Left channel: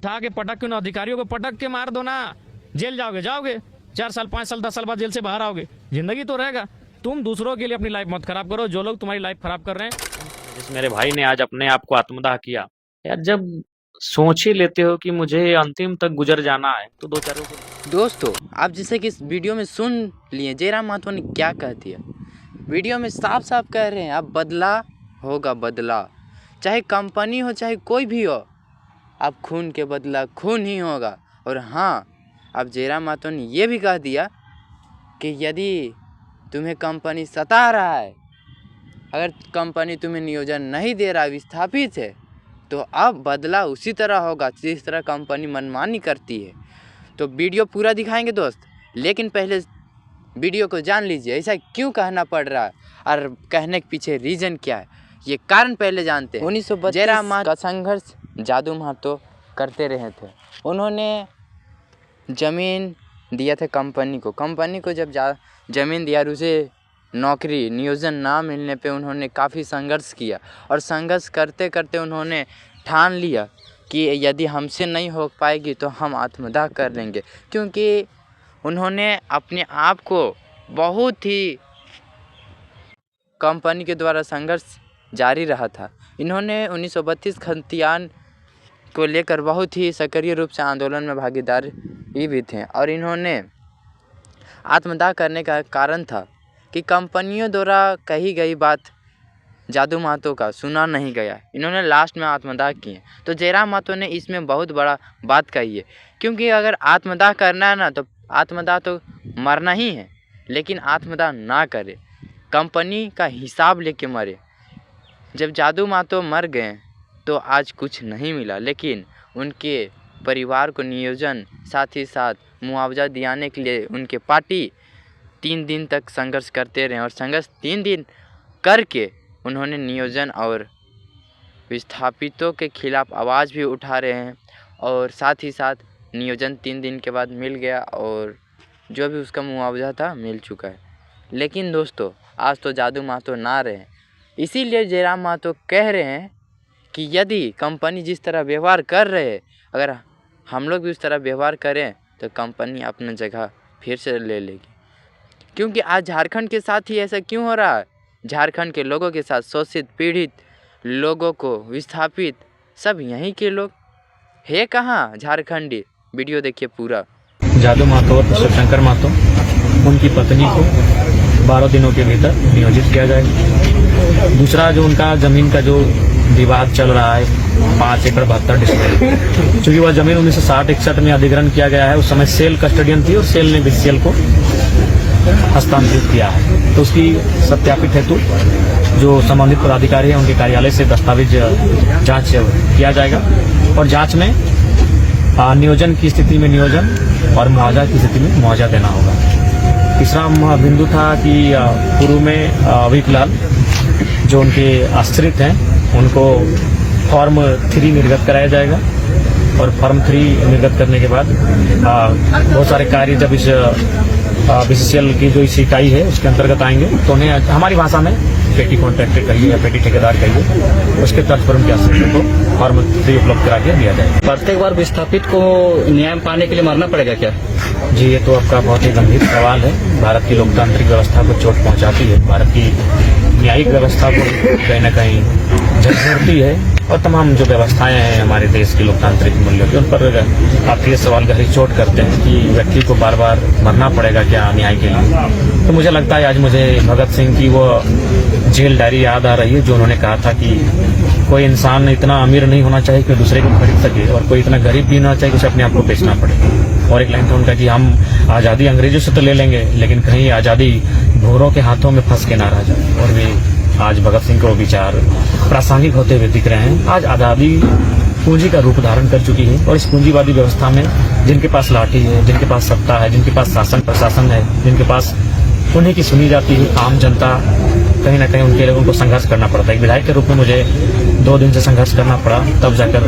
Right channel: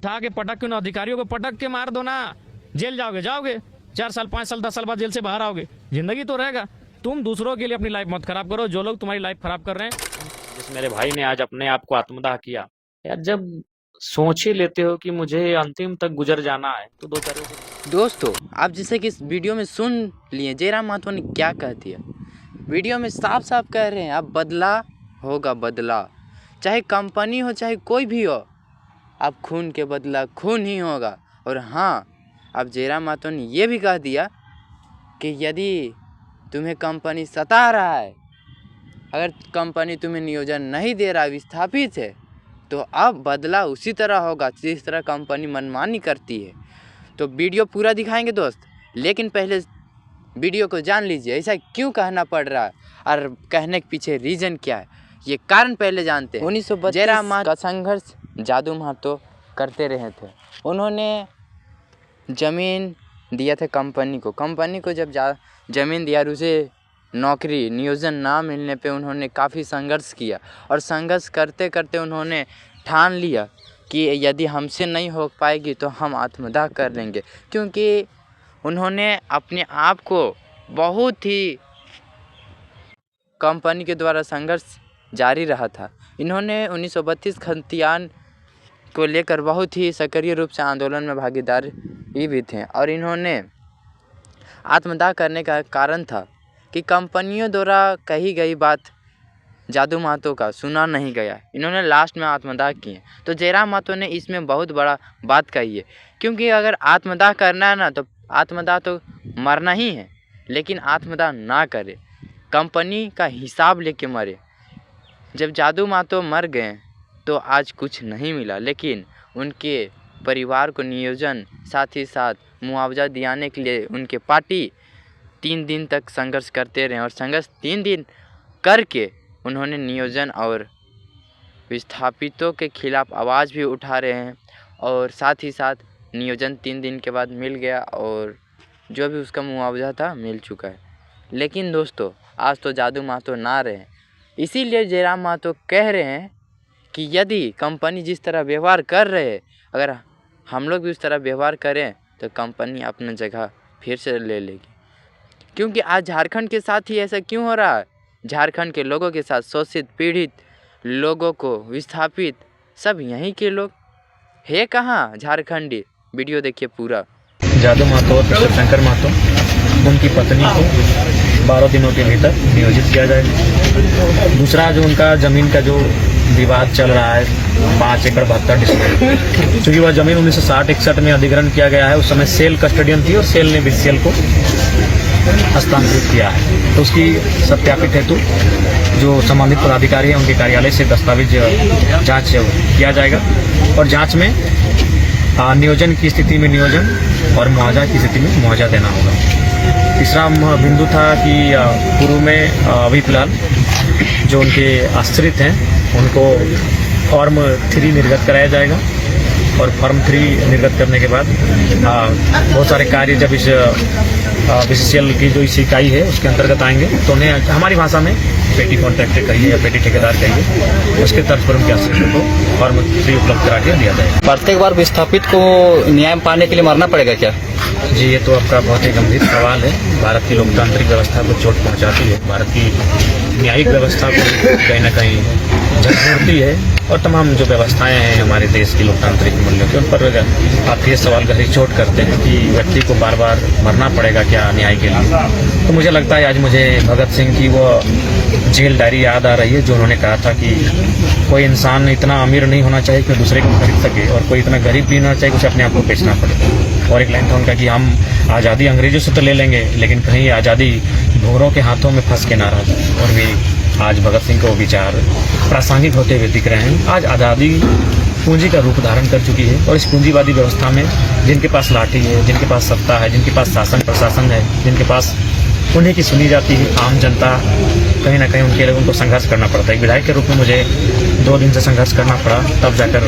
उठा के पटक क्यों ना, अधिकारियों को पटक के मार दो ना, जेल जाओगे 4 साल 5 साल 10 साल बाद जेल से बाहर आओगे, जिंदगी तो रहेगा। तुम दूसरों के लिए अपनी लाइफ मत खराब करो, जो लोग तुम्हारी लाइफ खराब कर रहे हैं। मेरे भाई ने आज अपने आप को आत्मदाह किया। यार जब सोच ही लेते हो कि मुझे अंतिम तक गुजर जाना है तो दो चारों दोस्तों, आप जैसे कि इस वीडियो में सुन लिए जयराम महतो ने क्या कह दिया। वीडियो में साफ साफ कह रहे हैं अब बदला होगा, बदला चाहे कंपनी हो चाहे कोई भी हो, अब खून के बदला खून ही होगा। और हाँ, अब जयराम महतो ने ये भी कह दिया कि यदि तुम्हें कंपनी सता रहा है, अगर कंपनी तुम्हें नियोजन नहीं दे रहा, विस्थापित है, तो अब बदला उसी तरह होगा जिस तरह कंपनी मनमानी करती है। तो वीडियो पूरा दिखाएंगे दोस्त, लेकिन पहले वीडियो को जान लीजिए ऐसा क्यों कहना पड़ रहा है और कहने के पीछे रीज़न क्या है, ये कारण पहले जानते हैं। 1932 जयराम महतो का संघर्ष जादू महतो करते रहे थे। उन्होंने ज़मीन दिया था कंपनी को जब ज़मीन दिया और उसे नौकरी नियोजन ना मिलने पे उन्होंने काफ़ी संघर्ष किया, और संघर्ष करते करते उन्होंने ठान लिया कि यदि हमसे नहीं हो पाएगी तो हम आत्मदाह कर लेंगे, क्योंकि उन्होंने अपने आप को बहुत ही कंपनी के द्वारा संघर्ष जारी रहा था। इन्होंने 1932 खतियान को लेकर बहुत ही सक्रिय रूप से आंदोलन में भागीदारी भी थे, और इन्होंने आत्मदाह करने का कारण था कि कंपनियों द्वारा कही गई बात जादू महतो का सुना नहीं गया, इन्होंने लास्ट में आत्मदाह किए। तो जयराम महतो ने इसमें बहुत बड़ा बात कही है, क्योंकि अगर आत्मदाह करना है ना तो आत्मदाह तो मरना ही है, लेकिन आत्मदाह ना करे, कंपनी का हिसाब लेके मरे। जब जादू महतो मर गए तो आज कुछ नहीं मिला, लेकिन उनके परिवार को नियोजन साथ ही साथ मुआवजा दिलाने के लिए उनके पार्टी 3 दिन तक संघर्ष करते रहे, और संघर्ष 3 दिन करके उन्होंने नियोजन और विस्थापितों के खिलाफ आवाज़ भी उठा रहे हैं, और साथ ही साथ नियोजन 3 दिन के बाद मिल गया और जो भी उसका मुआवजा था मिल चुका है। लेकिन दोस्तों, आज तो जादू महतो ना रहे, इसीलिए जयराम महतो कह रहे हैं कि यदि कंपनी जिस तरह व्यवहार कर रहे हैं, अगर हम लोग भी उस तरह व्यवहार करें तो कंपनी अपनी जगह फिर से ले लेगी। क्योंकि आज झारखंड के साथ ही ऐसा क्यों हो रहा है, झारखंड के लोगों के साथ शोषित पीड़ित लोगों को विस्थापित सब यहीं के लोग है कहाँ झारखंडी। वीडियो देखिए पूरा। जादू महतो और शिवशंकर महतो उनकी पत्नी को 12 दिनों के भीतर नियोजित किया जाए। दूसरा जो उनका ज़मीन का जो विवाद चल रहा है 5 एकड़ 72 डिसमिल, चूँकि वह ज़मीन 1960-61 में अधिग्रहण किया गया है, उस समय सेल कस्टोडियन थी और सेल ने बीसीएल को हस्तांतरित किया है। तो उसकी सत्यापित हेतु जो संबंधित पदाधिकारी हैं उनके कार्यालय से दस्तावेज जांच किया जाएगा, और जांच में नियोजन की स्थिति में नियोजन और मुआवजा की स्थिति में मुआवजा देना होगा। तीसरा बिंदु था कि पूर्व में अभी फिलहाल जो उनके आश्रित हैं उनको फॉर्म 3 निर्गत कराया जाएगा, और फॉर्म 3 निर्गत करने के बाद बहुत सारे कार्य जब इस बीसीसीएल की जो इस इकाई है उसके अंतर्गत आएंगे तो उन्हें हमारी भाषा में पेटी कॉन्ट्रैक्टर कहिए या पेटी ठेकेदार कहिए, उसके तर्ज पर उनके आश्रित को फॉर्म 3 उपलब्ध करा के दिया जाएगा। प्रत्येक बार विस्थापित को न्याय पाने के लिए मरना पड़ेगा क्या? जी, ये तो आपका बहुत ही गंभीर सवाल है। भारत की लोकतांत्रिक व्यवस्था को चोट पहुंचाती है, भारत की न्यायिक व्यवस्था को कहीं न कहीं झकझोरती है, और तमाम जो व्यवस्थाएं हैं हमारे देश की लोकतांत्रिक मूल्यों की, उन पर आप ये सवाल गहरी चोट करते हैं कि व्यक्ति को बार बार मरना पड़ेगा क्या न्याय के लिए। तो मुझे लगता है आज मुझे भगत सिंह की वो जेल डायरी याद आ रही है, जो उन्होंने कहा था कि कोई इंसान इतना अमीर नहीं होना चाहिए कि दूसरे को खरीद सके, और कोई इतना गरीब भी नहीं होना चाहिए कि उसे अपने आप को बेचना पड़े। और एक लाइन था उनका कि हम आज़ादी अंग्रेजों से तो ले लेंगे, लेकिन कहीं आज़ादी भोरों के हाथों में फंस के ना रह जाए। और भी आज भगत सिंह को विचार प्रासंगिक होते हुए दिख रहे हैं। आज आज़ादी पूंजी का रूप धारण कर चुकी है, और इस पूंजीवादी व्यवस्था में जिनके पास लाठी है, जिनके पास सत्ता है, जिनके पास शासन प्रशासन है, जिनके पास उन्हीं की सुनी जाती है आम जनता, कहीं ना कहीं उनके लोगों को संघर्ष करना पड़ता है। एक विधायक के रूप में मुझे 2 दिन से संघर्ष करना पड़ा, तब जाकर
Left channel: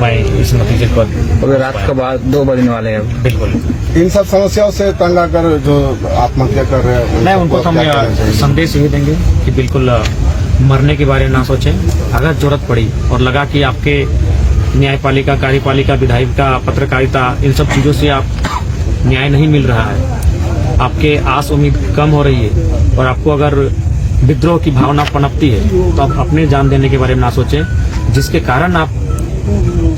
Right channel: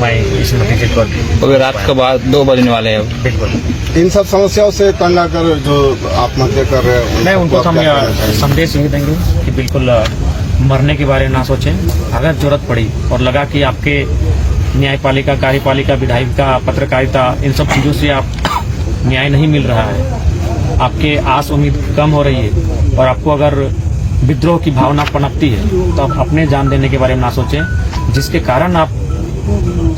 मैं इस नतीजे को। अभी रात के बाद 2 बजने वाले हैं। बिल्कुल, इन सब समस्याओं से तंग कर जो आत्महत्या कर रहे हैं, मैं उनको संदेश यही देंगे कि बिल्कुल मरने के बारे में ना सोचें। अगर जरूरत पड़ी और लगा कि आपके न्यायपालिका, कार्यपालिका, विधायिका, पत्रकारिता, इन सब चीज़ों से आप न्याय नहीं मिल रहा है, आपके आस उम्मीद कम हो रही है और आपको अगर विद्रोह की भावना पनपती है तो आप अपने जान देने के बारे में ना सोचें, जिसके कारण आप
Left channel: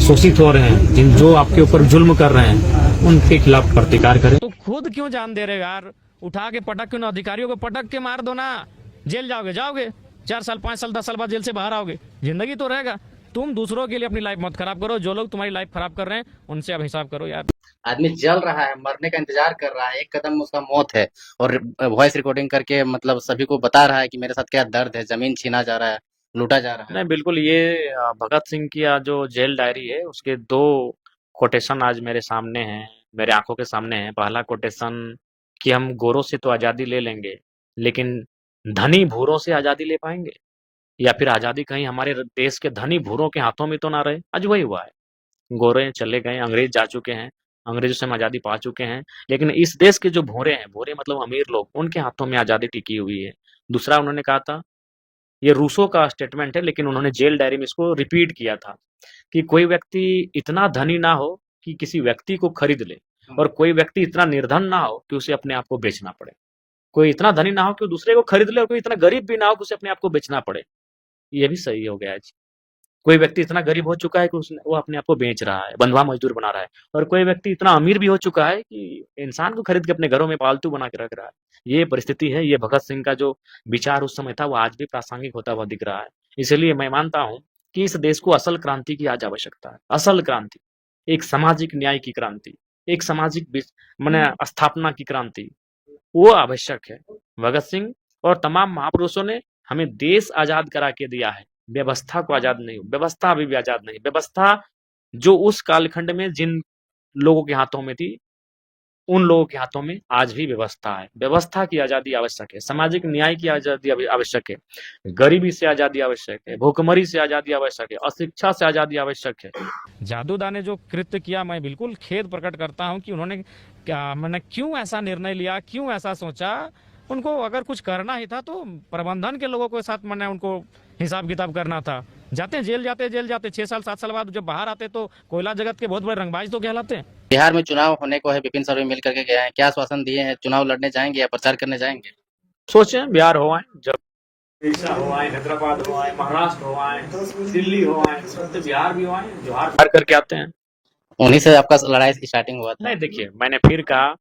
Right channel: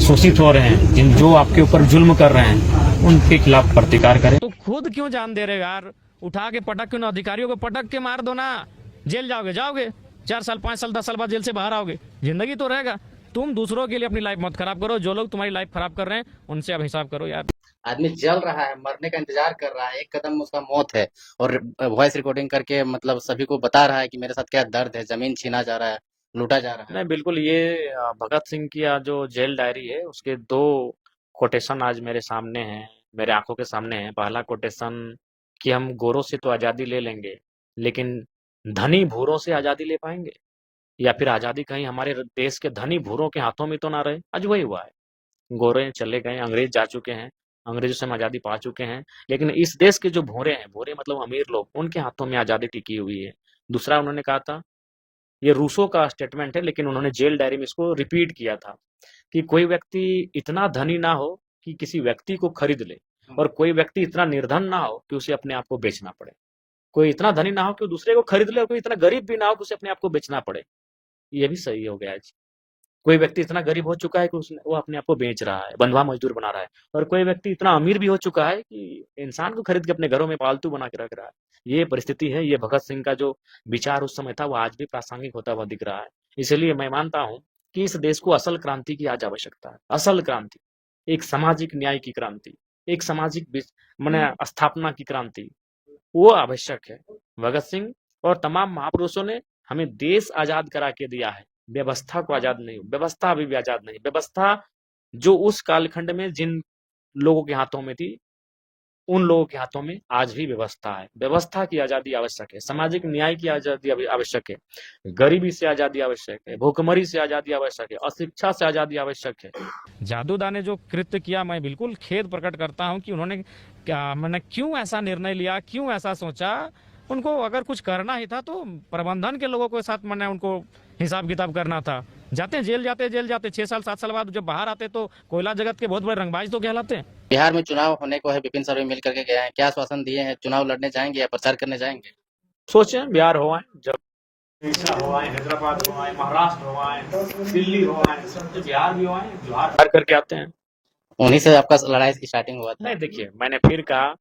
शोषित हो रहे हैं, जिन जो आपके ऊपर जुल्म कर रहे हैं उनके खिलाफ प्रतिकार करें। तो खुद क्यों जान दे रहे हो यार? उठा के पटक क्यों ना, अधिकारियों को पटक के मार दो ना, जेल जाओगे जाओगे, 4 साल 5 साल 10 साल बाद जेल से बाहर आओगे, जिंदगी तो रहेगा। तुम दूसरों के लिए अपनी लाइफ मत खराब करो, जो लोग तुम्हारी लाइफ खराब कर रहे हैं उनसे अब हिसाब करो यार। आदमी जल रहा है, मरने का इंतजार कर रहा है, एक कदम उसका मौत है, और वॉइस रिकॉर्डिंग करके मतलब सभी को बता रहा है कि मेरे साथ क्या दर्द है, जमीन छीना जा रहा है, लूटा जा रहा है। नहीं, बिल्कुल ये भगत सिंह की जो जेल डायरी है उसके 2 कोटेशन आज मेरे सामने हैं, मेरे आंखों के सामने हैं। पहला कोटेशन कि हम गोरों से तो आज़ादी ले लेंगे, लेकिन धनी भूरों से आज़ादी ले पाएंगे? या फिर आज़ादी कहीं हमारे देश के धनी भूरों के हाथों में तो ना रहे? आज वही हुआ है। गोरे चले गए, अंग्रेज जा चुके हैं, अंग्रेजों से हम आज़ादी पा चुके हैं, लेकिन इस देश के जो भूरे हैं, भूरे मतलब अमीर लोग, उनके हाथों में आज़ादी टिकी हुई है। दूसरा उन्होंने कहा था, ये रूसो का स्टेटमेंट है, लेकिन उन्होंने जेल डायरी में इसको रिपीट किया था कि कोई व्यक्ति इतना धनी ना हो कि किसी व्यक्ति को खरीद ले, और कोई व्यक्ति इतना निर्धन ना हो कि उसे अपने आप को बेचना पड़े। कोई इतना धनी ना हो कि वो दूसरे को खरीद ले, और कोई इतना गरीब भी ना हो कि उसे अपने आप को बेचना पड़े। ये भी सही हो गया आज। कोई व्यक्ति इतना गरीब हो चुका है कि वो अपने आप को बेच रहा है, बंधुआ मजदूर बना रहा है, और कोई व्यक्ति इतना अमीर भी हो चुका है कि इंसान को खरीद के अपने घरों में पालतू बना के रख रहा है। ये परिस्थिति है। ये भगत सिंह का जो विचार उस समय था वो आज भी प्रासंगिक होता हुआ दिख रहा है। इसलिए मैं मानता हूँ कि इस देश को असल क्रांति की आज आवश्यकता है। असल क्रांति, एक सामाजिक न्याय की क्रांति, एक सामाजिक माने स्थापना की क्रांति, वो आवश्यक है। भगत सिंह और तमाम महापुरुषों ने हमें देश आजाद करा के दिया है, व्यवस्था को आजाद नहीं। व्यवस्था अभी भी आजाद नहीं। व्यवस्था जो उस कालखंड में जिन लोगों के हाथों में थी, उन लोगों के हाथों में आज भी व्यवस्था है। व्यवस्था की आजादी आवश्यक है, सामाजिक न्याय की आजादी आवश्यक है, गरीबी से आजादी आवश्यक है, भूखमरी से आजादी आवश्यक है, अशिक्षा से आजादी आवश्यक है। जादूदा ने जो कृत्य किया, मैं बिल्कुल खेद प्रकट करता हूं कि उन्होंने मैंने क्यों ऐसा निर्णय लिया, क्यों ऐसा सोचा। उनको अगर कुछ करना ही था तो प्रबंधन के लोगों के साथ मैंने उनको हिसाब किताब करना था। जाते जेल जाते 6 साल 7 साल बाद जब बाहर आते तो कोयला जगत के बहुत बड़े रंगबाज तो कहलाते हैं। बिहार में चुनाव होने को है, विपिन सर भी मिल करके गए हैं, क्या आश्वासन दिए हैं? चुनाव लड़ने जाएंगे या प्रचार करने जाएंगे? सोचे बिहार हो आए, जब उड़ीसा हो आए, हैदराबाद हो आए, महाराष्ट्र हो आए, दिल्ली हो आए, तो बिहार भी हो आए, जोहार पार करके आते हैं। उन्हीं से आपका लड़ाई की स्टार्टिंग हुआ था? नहीं, देखिए मैंने फिर कहा,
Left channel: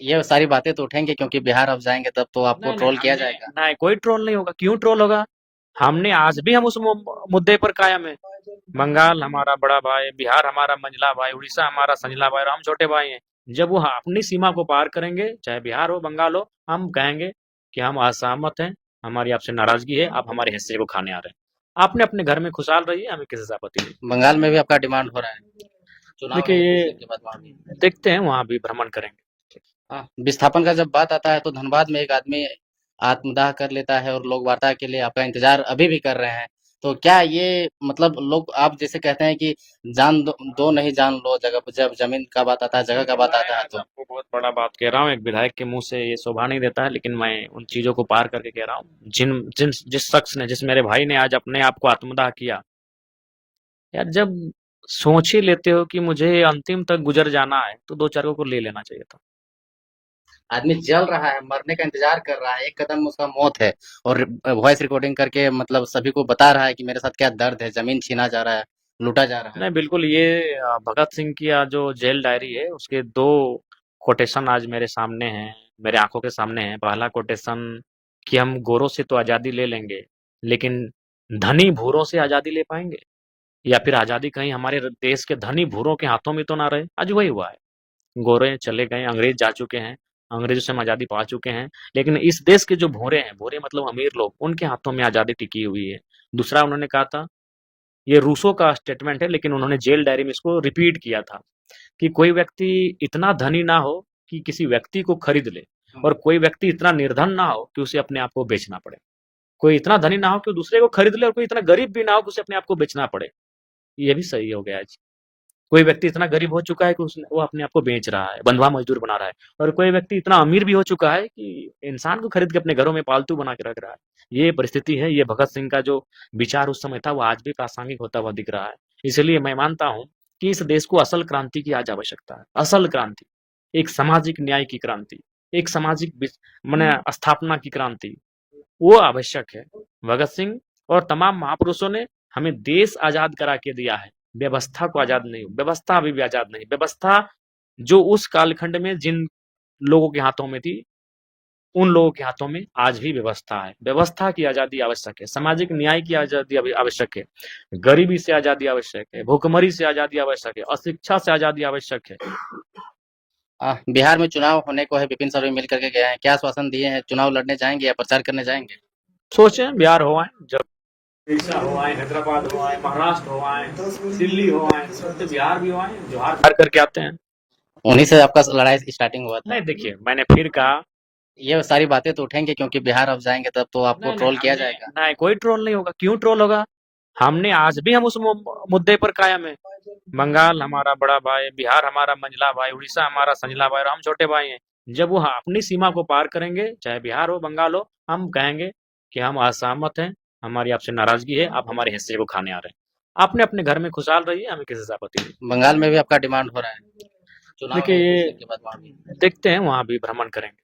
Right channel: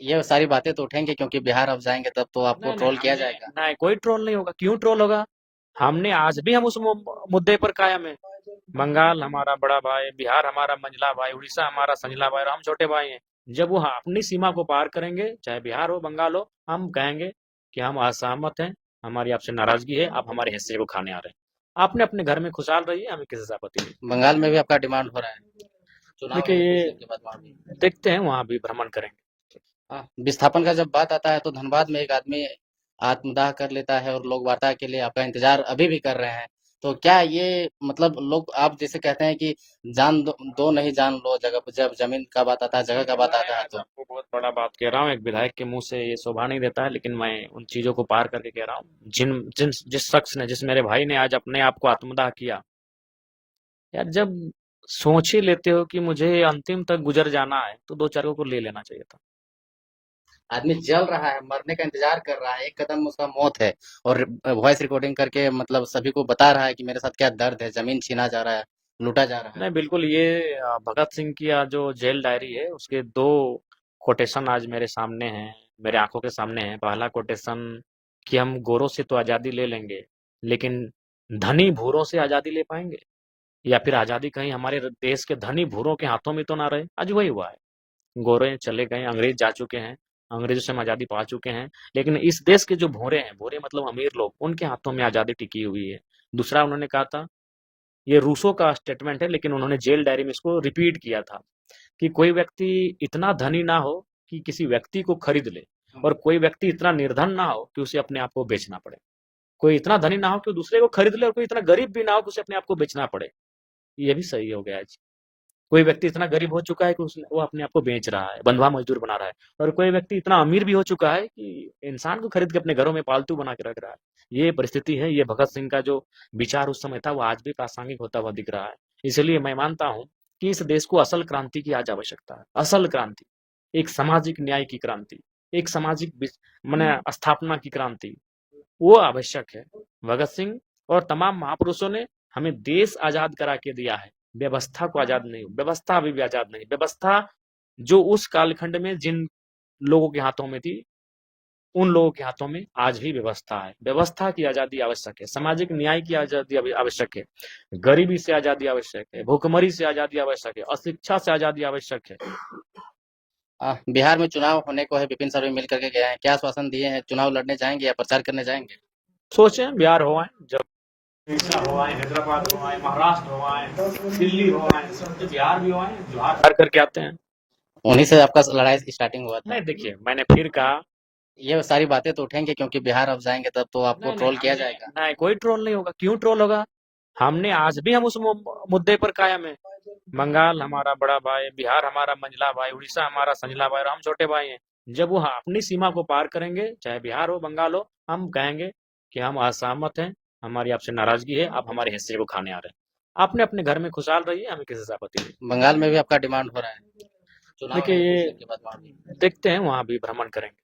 ये सारी बातें तो उठेंगे क्योंकि बिहार अब जाएंगे तब तो आपको ट्रोल किया जाएगा। नहीं, कोई ट्रोल नहीं होगा। क्यों ट्रोल होगा? हमने आज भी हम उस मुद्दे पर कायम है। बंगाल हमारा बड़ा भाई, बिहार हमारा मंझला भाई, उड़ीसा हमारा संझला भाई, और हम छोटे भाई हैं। जब वो अपनी सीमा को पार करेंगे, चाहे बिहार हो बंगाल हो, हम कहेंगे कि हम असहमत हैं, हमारी आपसे नाराजगी है, आप हमारे हिस्से को खाने आ रहे हैं। आपने अपने घर में खुशहाल रहिए, हमें किसी से आपत्ति नहीं। बंगाल में भी आपका डिमांड हो रहा है? चुनाव देखिए होने ये के बाद वहाँ भी। देखते हैं, वहां भी भ्रमण करेंगे। हाँ, विस्थापन का जब बात आता है तो धनबाद में एक आदमी आत्मदाह कर लेता है और लोग वार्ता के लिए आपका इंतजार अभी भी कर रहे हैं। तो क्या ये मतलब लोग आप जैसे कहते हैं कि जान दो नहीं जान लो, जगह जब जमीन का बात आता है, जगह का बात आता है तो आपको बहुत बड़ा बात कह रहा हूँ, एक विधायक के मुंह से ये शोभा नहीं देता है, लेकिन मैं उन चीजों को पार करके कह रहा हूँ। जिस शख्स ने, जिस मेरे भाई ने आज अपने आप को आत्मदाह किया, यार जब सोच ही लेते हो कि मुझे अंतिम तक गुजर जाना है तो 2-4 को ले लेना चाहिए था। आदमी जल रहा है, मरने का इंतजार कर रहा है, एक कदम उसका मौत है, और वॉइस रिकॉर्डिंग करके मतलब सभी को बता रहा है कि मेरे साथ क्या दर्द है, जमीन छीना जा रहा है, लूटा जा रहा है। नहीं, बिल्कुल ये भगत सिंह की जो जेल डायरी है उसके 2 कोटेशन आज मेरे सामने हैं, मेरे आंखों के सामने हैं। पहला कोटेशन कि हम गोरों से तो आज़ादी ले लेंगे, लेकिन धनी भूरों से आज़ादी ले पाएंगे? या फिर आज़ादी कहीं हमारे देश के धनी भूरों के हाथों में तो ना रहे? आज वही हुआ है। गोरे चले गए, अंग्रेज जा चुके हैं, अंग्रेजों से हम आज़ादी पा चुके हैं, लेकिन इस देश के जो भूरे हैं, भूरे मतलब अमीर लोग, उनके हाथों में आज़ादी टिकी हुई है। दूसरा उन्होंने कहा था, ये रूसो का स्टेटमेंट है, लेकिन उन्होंने जेल डायरी में इसको रिपीट किया था कि कोई व्यक्ति इतना धनी ना हो कि किसी व्यक्ति को खरीद ले, और कोई व्यक्ति इतना निर्धन ना हो कि उसे अपने आप को बेचना पड़े। कोई इतना धनी ना हो कि दूसरे को खरीद ले, और कोई इतना गरीब भी ना हो कि उसे अपने आप को बेचना पड़े। ये भी सही हो गया आज। कोई व्यक्ति इतना गरीब हो चुका है कि वो अपने आप को बेच रहा है, बंधुआ मजदूर बना रहा है, और कोई व्यक्ति इतना अमीर भी हो चुका है कि इंसान को खरीद के अपने घरों में पालतू बना के रख रहा है। ये परिस्थिति है। ये भगत सिंह का जो विचार उस समय था वो आज भी प्रासंगिक होता हुआ दिख रहा है। इसलिए मैं मानता हूँ कि इस देश को असल क्रांति की आज आवश्यकता है। असल क्रांति, एक सामाजिक न्याय की क्रांति, एक सामाजिक माने स्थापना की क्रांति, वो आवश्यक है। भगत सिंह और तमाम महापुरुषों ने हमें देश आजाद करा के दिया है, व्यवस्था को आजाद नहीं। व्यवस्था अभी भी आजाद नहीं। व्यवस्था जो उस कालखंड में जिन लोगों के हाथों में थी, उन लोगों के हाथों में आज भी व्यवस्था है। व्यवस्था की आजादी आवश्यक है, सामाजिक न्याय की आजादी आवश्यक है, गरीबी से आजादी आवश्यक है, भूखमरी से आजादी आवश्यक है, अशिक्षा से आजादी आवश्यक है। बिहार में चुनाव होने को है, विपिन सर भी मिल करके गए हैं, क्या आश्वासन दिए हैं? चुनाव लड़ने जाएंगे या प्रचार करने जाएंगे? सोचे बिहार हो आए, जब उड़ीसा हो आए, हैदराबाद हो आए, महाराष्ट्र हो आए, दिल्ली हो आए, तो बिहार भी हो आए, जोहार करके आते हैं। उन्हीं से आपका लड़ाई स्टार्टिंग हुआ था? नहीं, देखिए मैंने फिर कहा, ये सारी बातें तो उठेंगे क्योंकि बिहार अब जाएंगे तब तो आपको ट्रोल किया जाएगा। नहीं, कोई ट्रोल नहीं होगा। क्यों ट्रोल होगा? हमने आज भी हम उस मुद्दे पर कायम है। बंगाल हमारा बड़ा भाई, बिहार हमारा मंझला भाई, उड़ीसा हमारा संझला भाई और हम छोटे भाई हैं। जब वो अपनी सीमा को पार करेंगे, चाहे बिहार हो, बंगाल हो, हम कहेंगे कि हम असहमत हैं, हमारी आपसे नाराजगी है, आप हमारे हिस्से को खाने आ रहे हैं। आपने अपने घर में खुशहाल रहिए, हमें किसी से आपत्ति नहीं। बंगाल में भी आपका डिमांड हो रहा है? चुनाव देखिए, के बाद वहाँ भी। देखते हैं, वहां भी भ्रमण करेंगे।